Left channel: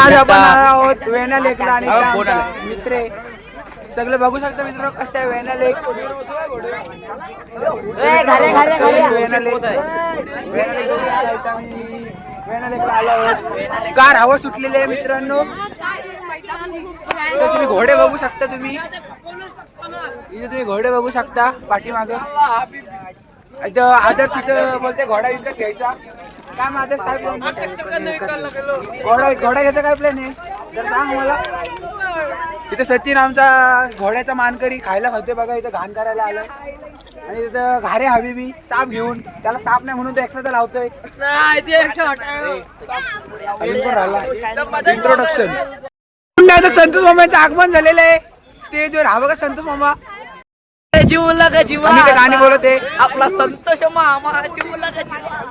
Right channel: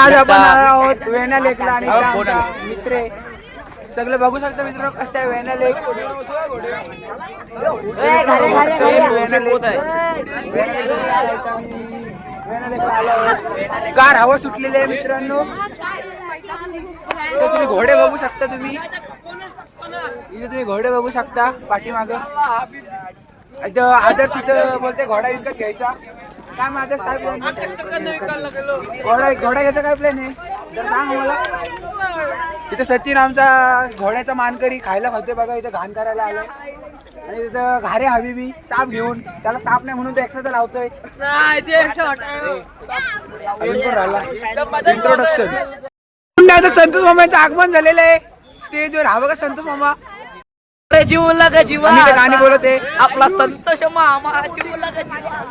आज आपण आलो आहोत वेण्णा लेकला आणि इथं आमचा मित्र आहे. सगळे बघू शकता मित्रांनो कसं आहे वेण्णा लेक. वेण्णा लेक आलो आहोत. कार हवा सुटलेली आहे मित्रांनो. इथं तुम्ही घोडे बघू शकता. तुम्ही घोडे बघू शकता पाठीमाग. इथं आदर्श तिथं बोलते घोडा विकत घ्यायचा. काय माझं काय प्लॅन? घोडा घ्यायचा काय प्लॅन आहे तर सांग मला. इथं सचिन आमचा घोड्याचा मानकरी खायला खातोय बघा. इथं घाण करायला आलाय आणि तिथं घारे हवी साप घेऊन. त्याला साप नाही म्हणून तो एक्स्ट्रा लावतोय. इंट्रोडक्शन. संतोष मामाचं आगमन झालेलं आहे स्टेजवर. हा बघा संतोष मामा जीवला का जीवा गाणी बोलत आहे. आपला संतोष मामा जीवला का जीवा.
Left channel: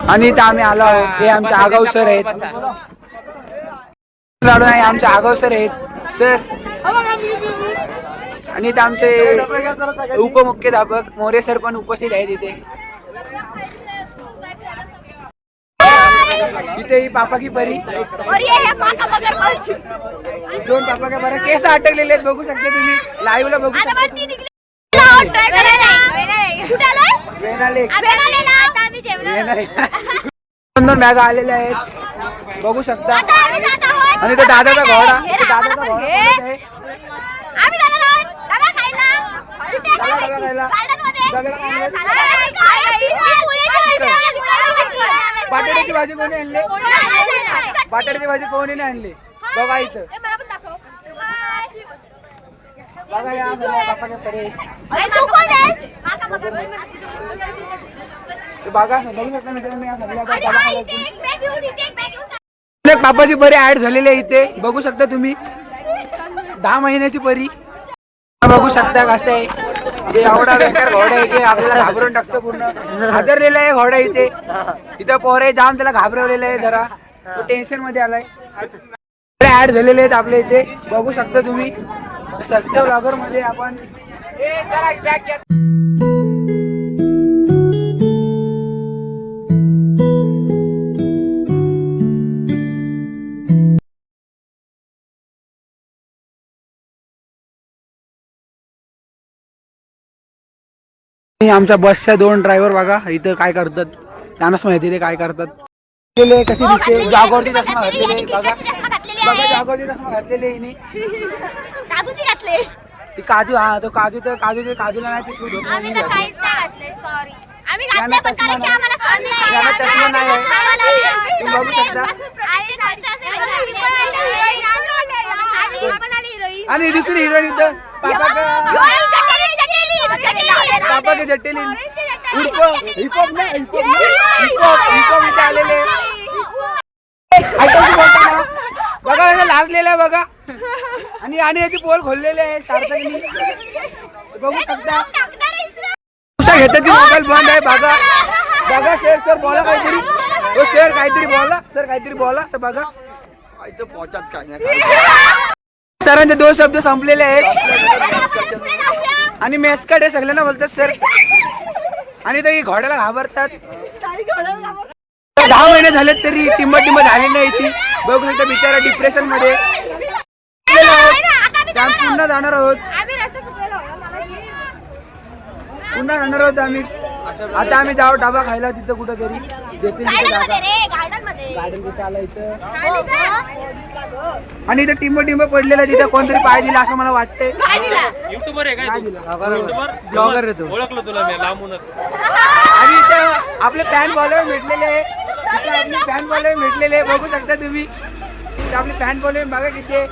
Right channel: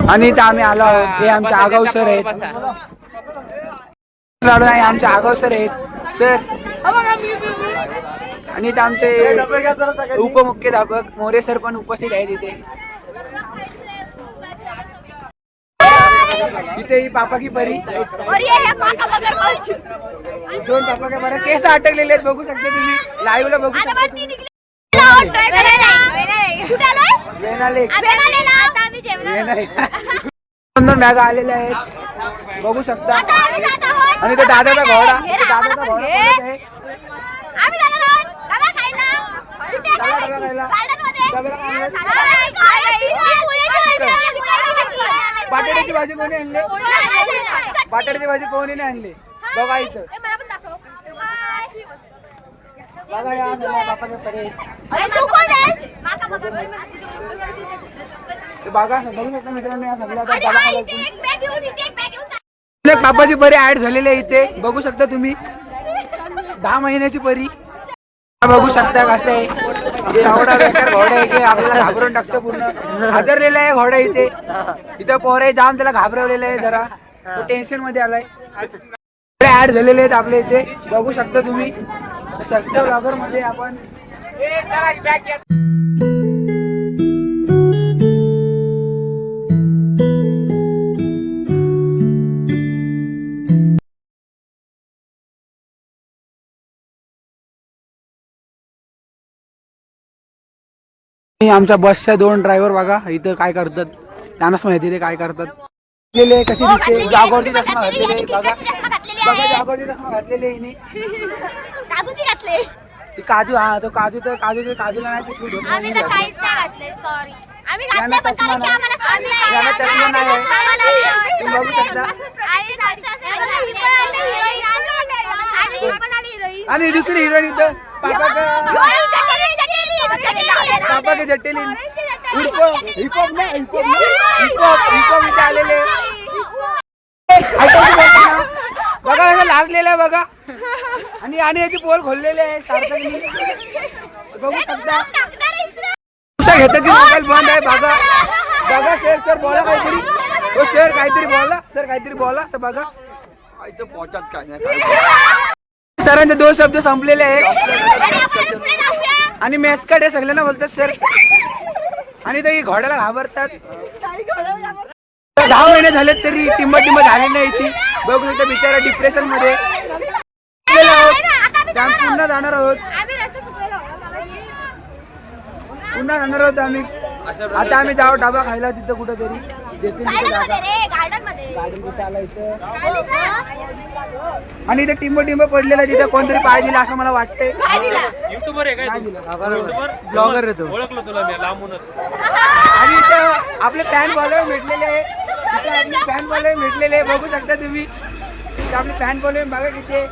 आणि इथं आम्ही आलो आहोत. हे आमचे आगाव सर आहेत. आमचे आगाव सर आहेत सर. आणि इथं आमचे उपमुख्याध्यापक मोरे सर पण उपस्थित आहेत इथे. तिथे ही पापा की परी. दोन पापा का परी केस अटकलेले आहेत बघू शकता तुम्ही. लाईव्ह ला बघू शकता. दोन बॅगा आलेल्या आहेत बघू शकता. आणि ते दादाचा घोडा बोलत आहे. बटाट्याची भाजी कोणी आणली? बटाट्याची भाजी कोणी नाही आणली बघा इथं. बघा या बापाच्या परे बघा बघू शकता मित्रांनो. या सगळ्या पापाची परी ऍड झालेली आहे इथे बघू शकता तुम्ही. 10 महिन्याची परी बघू शकता. कसं आहे एवढा बेकार घोडा इथे आपल्याला घाबरून टाकतो. पूर्ण हादरलेला आहे घोडा इथे. इथं पोरे जाम त्याला घाबरवलेलं आहे. जरा तो टेन्शन मध्ये आलाय. ऍड झालेले आहेत आपल्या इथे बघू शकता तुम्ही. सस्त्या ब्लॉगर मध्ये आपण आमच्या बसच्या 2 ड्रायव्हर बघा इथं काय करतात. त्यांनाच माहिती ते काय करतात. कशी दिसते जागोवरती चष्मा घातलेले बघा. जागोवरती चष्मा घातलेले हिने. ती काजू. हा तो काजू तर काजूला नाही ते शूट होत नाही. चष्मा नाही आहे तुम्ही बघू शकता. आणि दुसरी हिरोईन इथं पापा के जटेली उर्फ हिपहॉप नाही हिपहॉप इथे आलेले. ऐकायची बोलताना बघा कसं लाजलेलं आहे बघा. आणि याची पोल खोललेली आहे सार्थकनी बघू शकता. घेतात ती मोबाईल बंद आहे बघा. बघा सर बोला काहीतरी. सर काहीतरी बोला तर बघा इथं पोहोचत काय नाही. सरांचे 2 शब्द संपलेले आहेत. आणि मॅस्कट आहे सगळ्यांना बोलतात सर. आणि ते घोड्याला घाबरतात. 10 महिने झाले तरी किंमत झाली नाही याची बघू शकता. बिचारा डिप्रेशन मध्ये पुन्हा जाणार आहोत आम्ही. आता आम्ही जाऊ डाबा खायला तिथं कुठेतरी देतील तिथं जागा. गार्डन कुठं आला इथं. आणि इथं टिंब पडलेला तिथं कोणतरी पाय दिला असं मला वाटतंय. ब्लॉगर येतो. आणि इथं आपले फॅन फॉलोअर भेटलेले बघू शकता तुम्ही. आपले फॅन फॉलोअर बघा किती.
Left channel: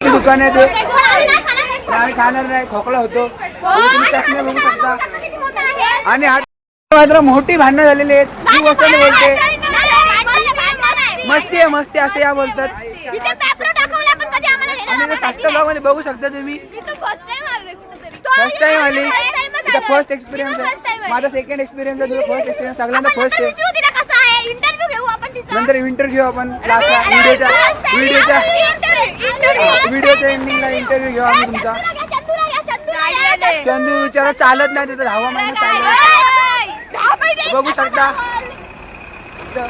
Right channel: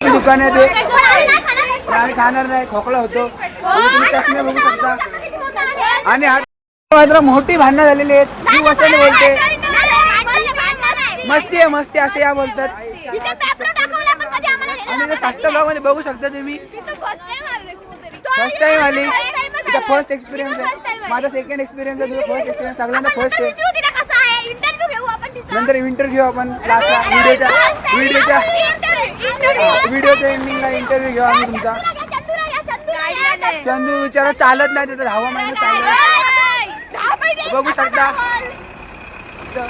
दुकान आहे ते आम्ही खाणार नाही. खोकला होतो तुम्ही चष्मे बघू शकता. आणि आता मात्र मोठी भांडणं झालेली आहेत. मी वसंत बोलते मस्ती असे या बोलतात. आणि सास्ता ब्लॉग मध्ये बघू शकता तुम्ही. फर्स्ट टाइम आली. फर्स्ट एक्सपिरियन्स आहे माझा. सेकंड एक्सपिरियन्स आहे. तुझा फर्स्ट एक्सपिरियन्स. सगळ्यांना फर्स्ट आहे. नंतर इंटरव्ह्यू घेऊ आपण लास्टला व्हिडिओच्या एंडिंगला इंटरव्ह्यू घेऊ आम्ही तुमचा. चंदू विचारा चालत नाही त्याचा 10वा महिना चालू बघू शकता. इथं.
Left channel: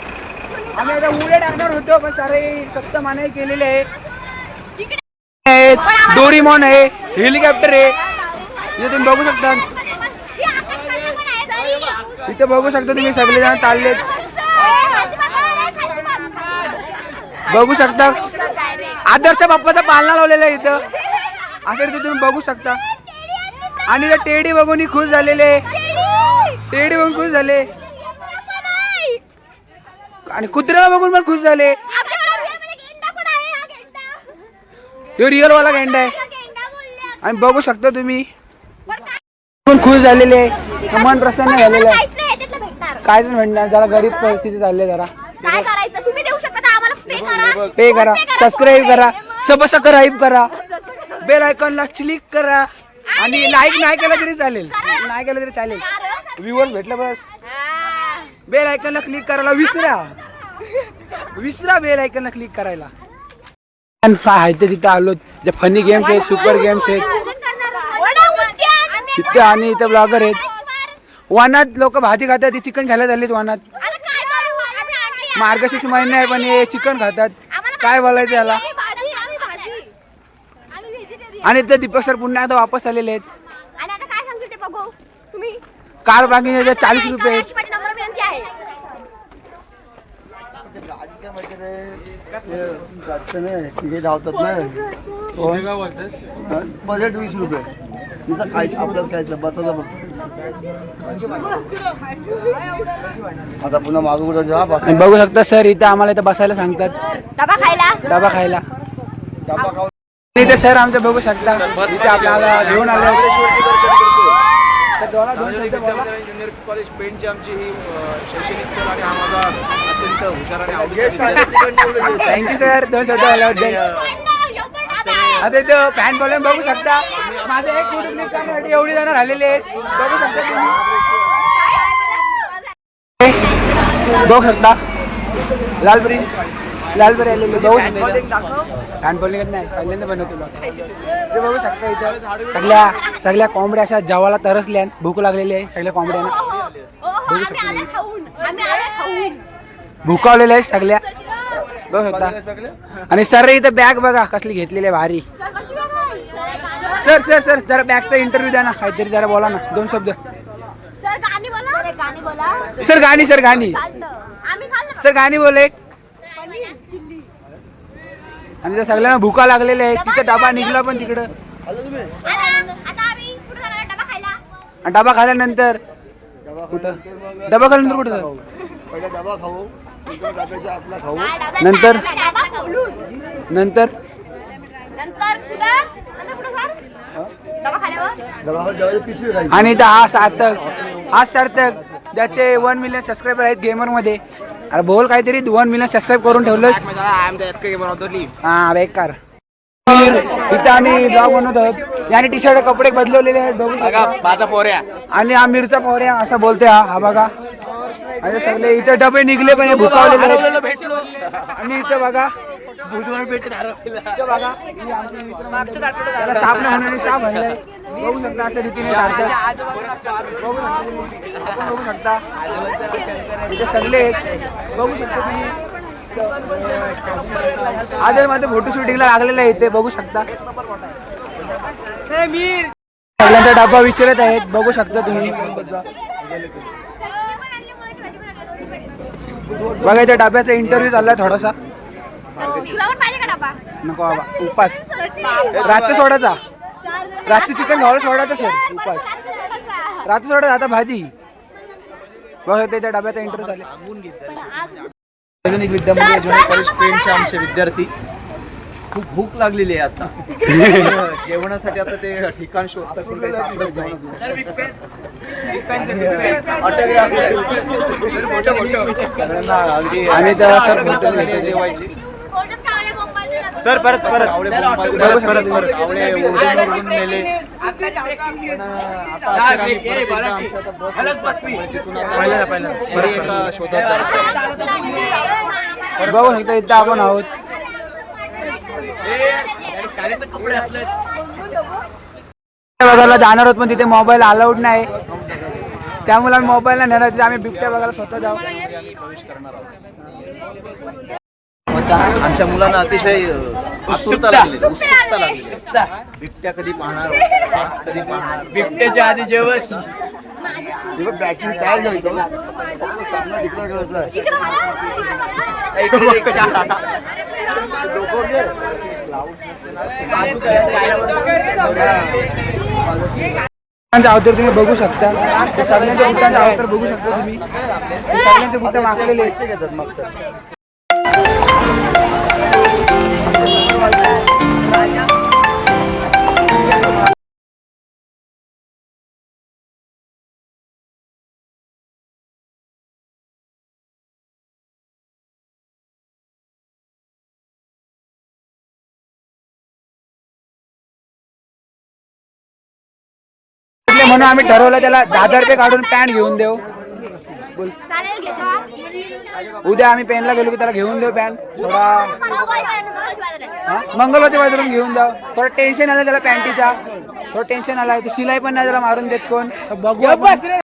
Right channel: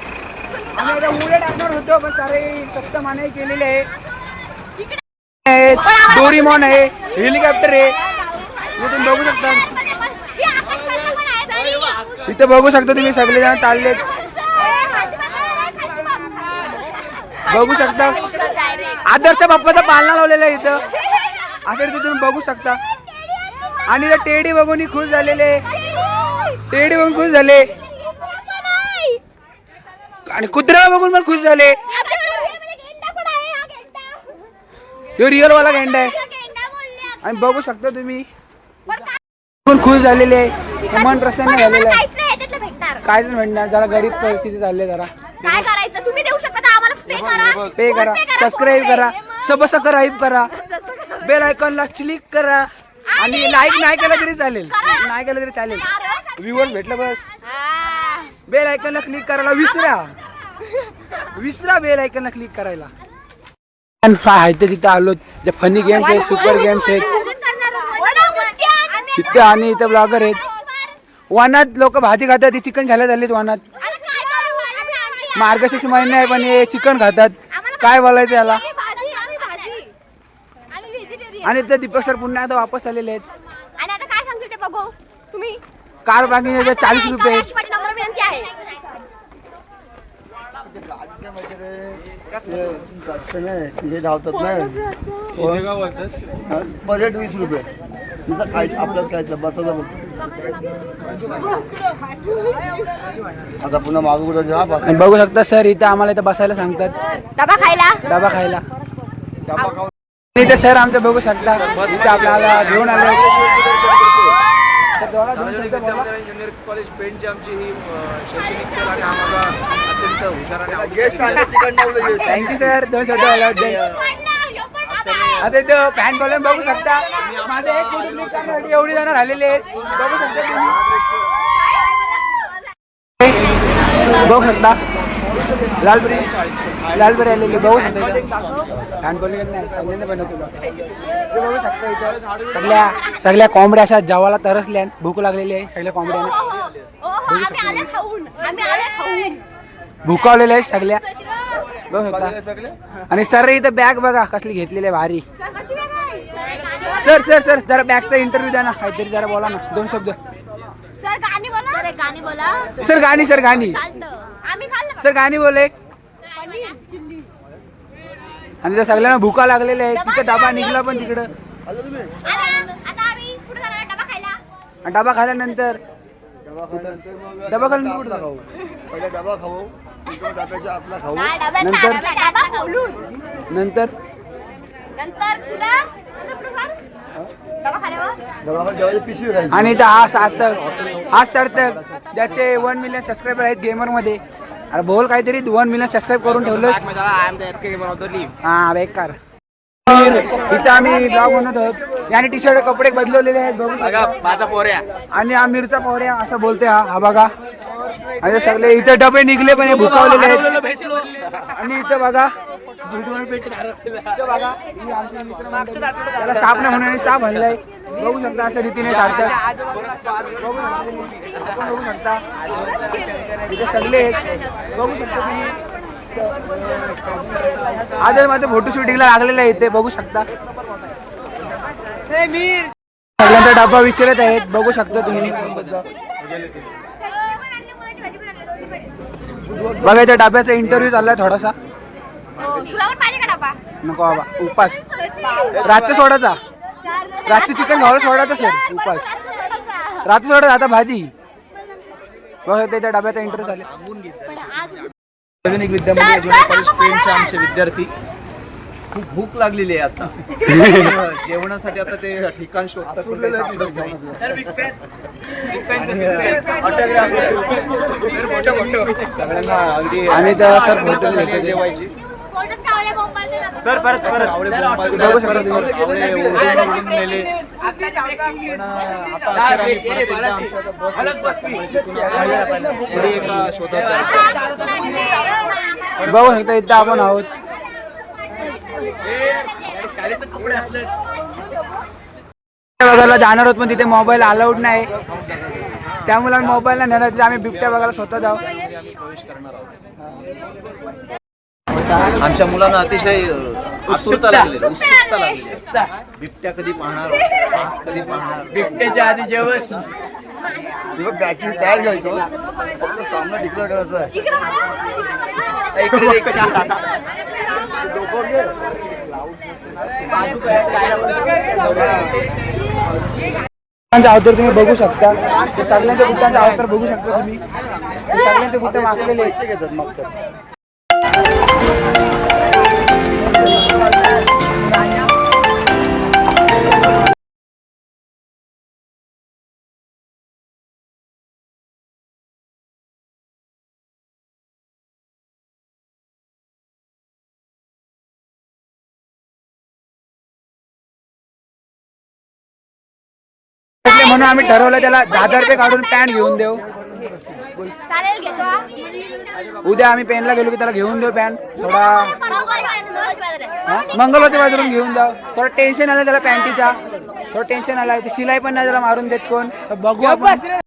आम्ही आता उड्या टाकणार होतो पण सारे सक्त मानाई केलेले आहे. डोरीमॉन आहे, हेलिकॉप्टर आहे, हे तुम्ही बघू शकता. इथं बघू शकता तुम्ही सगळेजण चाललेत. बघू शकता आदर्श बाप्पाचा पालना लावलेला आहे इथं असं तुम्ही बघू शकता. आणि इथं टेडी बघून खुश झालेले, टेडी बघून खुश झाले आणि कुत्र्या बघून पण खुश झाले. तो रिअल वाला गेंडा आहे आणि बघू शकता तुम्ही पण खुश झालेले, मन प्रसन्न झालेलं आहे. कायच भेटणार, जरा गरीब परिस्थिती चालली, जरा काय करायचं तुम्ही देऊ शकता आम्हाला पे करा, सबस्क्राईब करा, सबस्क्राईब करा, बेल आयकॉनला क्लिक करा आणि लाईक नाही केलं तरी चालेल, नाही केलं तरी चालेल, व्ह्यूअर्स भेटलं बस. बेल आयकॉनला क्लिक करायला विसरा बेल आयकॉनला क्लिक करायला. आहे ते तिथं आलो, जे फनी गेम्स आहेत, सुपर गेम्स आहेत तिथे आणि इथं ब्लॉगर आहेत. वनात लोक भाजी खातात, ती चिकन खायला झालीत वनात. मार्गशीर्ष महिना आहे पण हे चिकन खातात, काय बोलायचं याला. आणि इथं दीपक सर पुन्हा आता वापस आलेले आहेत. कार पार्किंग 40 रुपये. हे धावतात ना बजेट 20 रुपये तिचं काय आपल्यात काय बसायला बघतो. आता पुन्हा मागू कुठं बघू शकता सर इथं आम्हाला इथं बसायला सांगतात, डबा खायला. डबा खाऊन इथे सर आमचं बघू शकता इथे आपल्याला घेऊन आले. इंजिनिअरिंग कॉलेज पेनची आमची ही शैक्षणिक सहल आणि आम्हाला अत्यंत हुशार आणि आवडीची. थँक्यू सर 2 शब्द बोलल्याबद्दल. आता इथं फॅन फॉलोइंग बघू शकता. माझे एक कुटुंब करण्यासाठी एवढी जण राहिलेले आहेत, बघू शकता तुम्ही. बघू शकता लालबरी आलेले बघू शकता. इथं फॅन फॉलोइंग नाही पहिल्यांदा बनवतो बघू शकता. इथं सगळ्या कोंबड्या अशा जेवायला तरसल्या, भूक लागलेली आहे सगळ्या कोंबड्यांना. बघू शकता भुकावलेल्या आहेत सगळ्या, बघू शकता. आणि सर इथं बॅग बघा कसली घेतलेली आहे भारी. सर सर सर जरा बॅगचा इंटरव्ह्यू द्या ना, काहीतरी जरा बोला ना 2 शब्द. सर गाणी सर गाणी बोले. आणि त्या सगळ्यांना भुका लागलेल्या आहे. तिथं डबा निघला पण तिकडं. डबा खाल्यानंतर कुठं डबा खाल्यानंतर कुठं पहिला डबा खाऊ, डब्याच्या आतला खाऊ, नंतर डबा जेवायची पिशवी राहिली. आणि इथं हा सार्थक ज्याचे 1 मिलियन सबस्क्रायबर आहेत गेमर मध्ये. अरे बोल काहीतरी 1 मिलियन सबस्क्राईब करून ठेवलं. हा बेकार. इथे आम्ही ब्लॉग बनवत आहोत. याने टी शर्ट कपडे बदलवलेले आहेत बघू शकता. माझा पोऱ्या आणि आमिरचा पोऱ्या असं बोलते हा बघा. आणि सगळे इथे डबे निघले पण हे भुकावलेले आहेत. आणि इथं बघा त्याला साप नाही होण्याने साप हल्लाय. बघू शकता अशा रीतीने बघू शकता इथे सगळे बघू शकता तुम्ही. आदर मध्ये फोटो शूटिंगला लागलेला आहे इथे बघू शकता. सगळ्यांचा डबा विचारत आहेत बघू शकता तुम्ही. बघा इथे डब्याचा इंटरव्ह्यू चाललाय थोडासा. नको बाबा उपास रातच्या सोडायचा, रातचं चिकन खायला सोडायचं सर उपास. रात्री सोडत आता भाजी. बघा इथे डब्याचा इंटरव्ह्यू चालू. सार्वजनिक विद्यामंदिर ज्युनियर कॉलेज पेनचे आमचे विद्यार्थी. खूप भूक लागलेली आहे आता. जेवणासाठी आता ते ठिकाण शोधतात पण काही सापडत नाही. सगळ्यांना अगदी आणि सर हॉटेल झाली आहे जेवायची. सर परत आवळे आवळे ओरडून नेले. पण आता अखेर आम्ही परत एकदा आमच्या आता बस तिथून पुढे एका शोधात जायचं. बघू शकता इथं आपण आहोत. बघायला जाणार आहोत पण तिथे मोबाईल अलाउड नाही. त्या मुलांना मोबाईल नाही नेणार, आम्ही बिबट्या बघायला स्वतः जाऊ. आम्ही प्रवेश करणार आहोत. आमच्या मुलांना अतिशय उत्सुकता लागली आहे. बिबट्या कधी पाहणार, कधी पाहणार. बिबट्याच्या आधी जेवण. अवतार तुम्ही बघू शकता, ते सगळ्यांच्या बुट्टांचा अवतार बघू शकता तुम्ही. ते सगळ्यांचे बुट्टे मागलेले घेतात मग तर. म्हणून आम्ही ठरवलं त्याला 10,000 रुपये काढून पॅन्ट घेऊन देऊ. चालेल घेतो. उद्या आम्ही पेनला गेलो की त्याला घेऊन देऊ पॅन्ट. थोडा मंगलवारच्या बाजून घेऊन जाऊ. थोडं टेन्शन आलं त्याला पॅन्टीचा, थोडं टेन्शन आलं. शिलाई पण नाही त्याला मारून देत कोण. बघू आपण.